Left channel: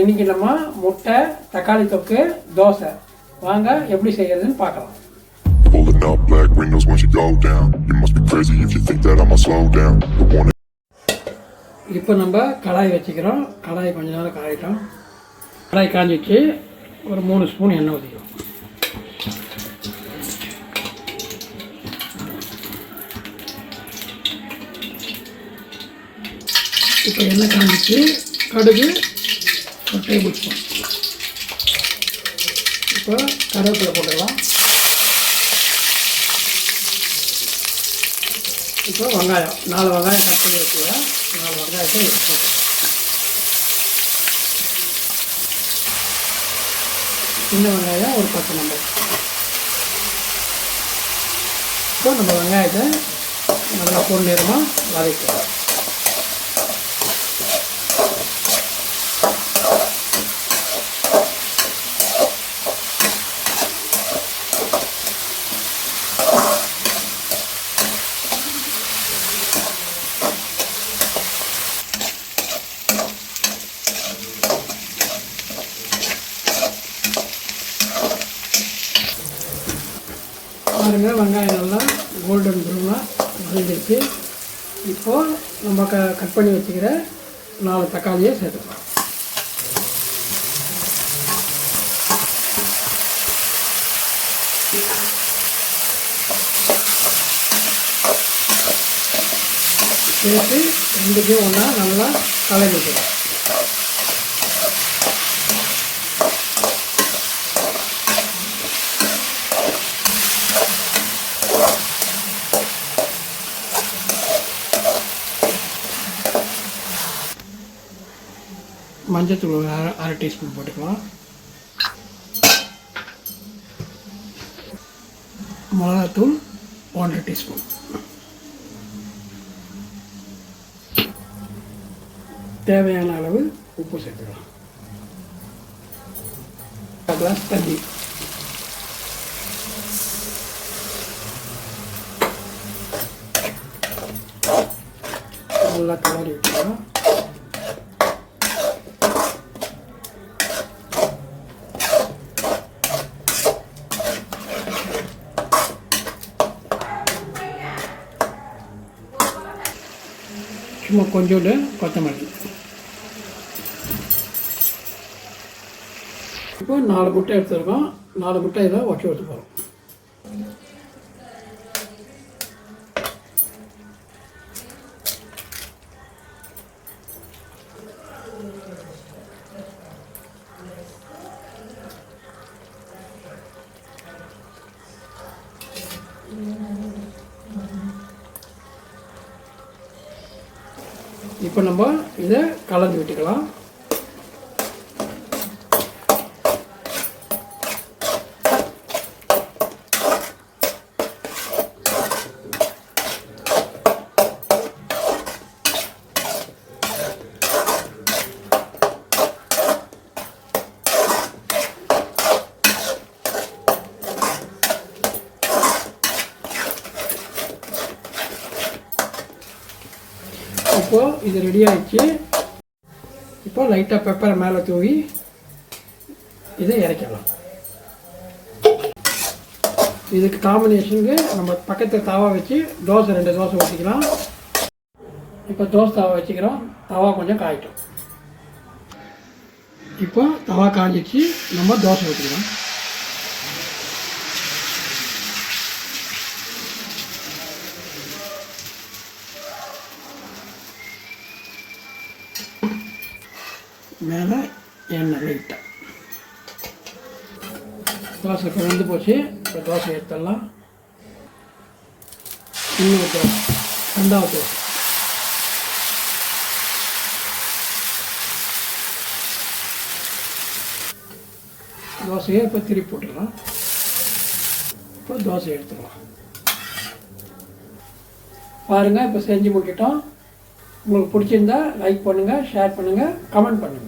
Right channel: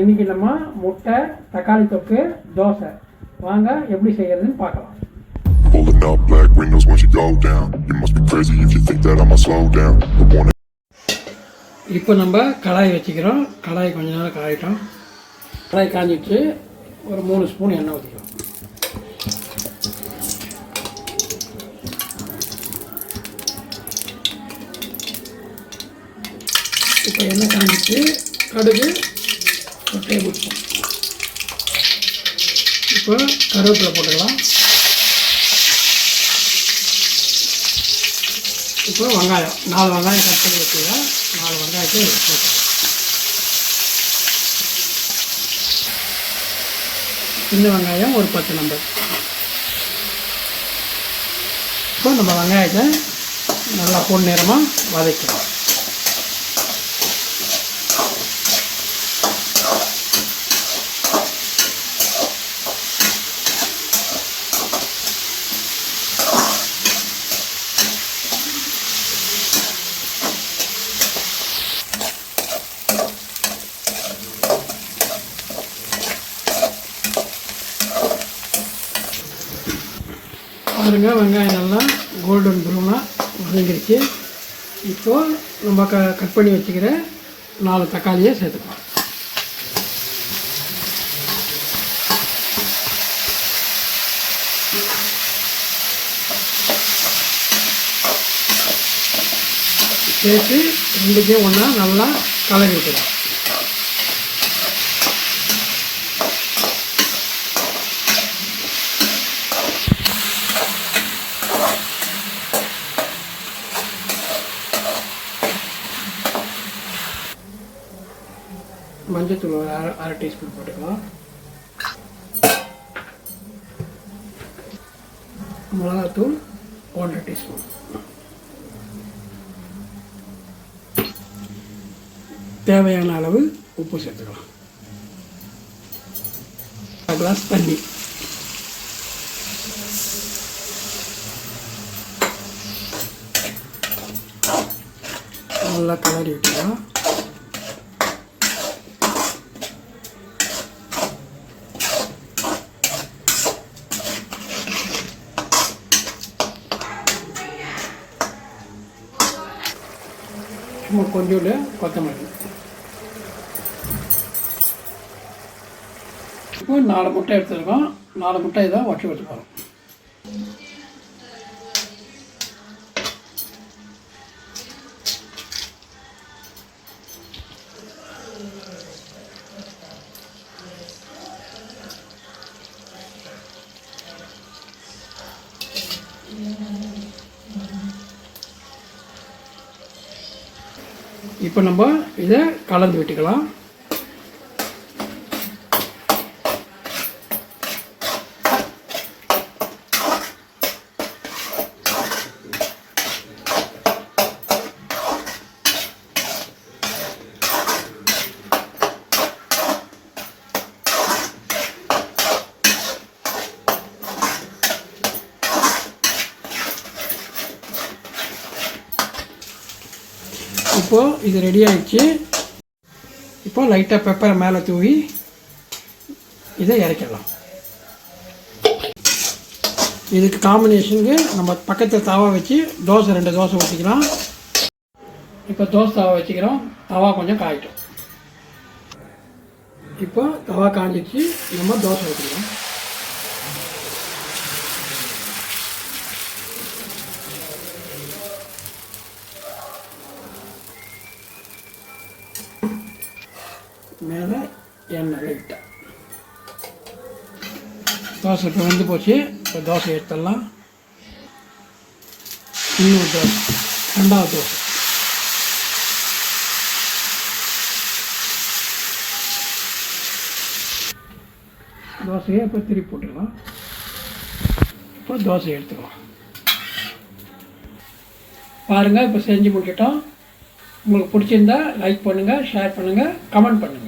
இன்றைக்கி நம்ம முட்டை தக்காளி தொக்கு தோசை வாங்க எப்படி செய்கிறதுன்னு பார்க்கலாம். Pulling up black windows once you go down. You must be crazy if you think that I'ma slow down. இப்போ நம்ம கடாய் வச்சுக்கிறோம். கடாய் கொஞ்ச நேரம் காயிட்டோம். கடாய் காஞ்சிச்சு. ஒரு 3 ஸ்பூன் எண்ணெய் ஊற்றிக்கிறோம். இப்போ எண்ணெய் காஞ்சிச்சு. கடுகு ஒரு டேபிள் ஸ்பூன். இப்போ கருவேப்பிலை போட்டுக்கலாம். இப்போ வெங்காயம் 4 வெங்காயம் கட் பண்ணி வச்சுக்கிறேன். 4 வெங்காயத்தை போட்டு சின்ன வெங்காயம் ஒரு 10 நம்பர். இப்போ நம்ம வெங்காயத்தை நல்லா பொன்னிறமாக வதக்கலாம். பாருங்க வெங்காயம் நல்லா கோல்டன் ப்ரௌனாக வதங்கிடுச்சு. இப்போது நம்ம கட் பண்ணி வச்சுக்கிற 4 தக்காளியை சேர்த்துக்கலாம். சேர்த்து ரெண்டுக்கும் ஒன்றா நல்லா கலரி விட்டுக்கலாம். மஞ்சத்தூள் ஒரு அரை டீஸ்பூன் போட்டுக்கலாம். மிளகாத்தூள் 1 டீஸ்பூன். தேவையான அளவு உப்பு சேர்த்துக்கலாம். 1 கிளாஸ் தண்ணி. நல்லா கலரி விட்டுக்கலாம். சும்மா கொஞ்சோண்டு கொத்தமல்லி. இப்போ 4 முட்டை எடுத்துருக்கோம். 4 முட்டை இதை உடச்சி வச்சுக்கணும். இப்போ நம்ம இதை கலந்து விட்டுக்கலாம். இப்போது இது ரெடி ஆகிடுச்சு. இப்போ லைட்டாக பெப்பர் மேலே தூவி இதை இறக்கலாம். இதுக்கு காம்பினேஷனுக்கு நம்ம பக்கத்தில் தவா வச்சு 2 தோசை ஊற்றிக்கலாம். இப்போ தோசை தவா வச்சுக்கிறோம். தவா கொஞ்சம் காயிட்டோம். இப்போ தவா காஞ்சிச்சு. நம்ம தோசை ஊற்றிக்கலாம். மேலே எண்ணெய் லைட்டாக. தோசை இப்போ வெந்து போச்சு. இப்போ தோசை எடுத்துடலாம். இன்னொரு தோசை, 2வது தோசை. தோசையை இப்போ திருப்பி போட்டுக்கலாம். இப்போ தோசையை எடுத்துக்கலாம். பாருங்கள் இப்போ செஞ்சு போட்டுட்டோம். உங்களுக்கு பிடிச்சிருந்தா லைக் பண்ணுங்கள், ஷேர் பண்ணுங்கள், கமெண்ட் பண்ணுங்கள்.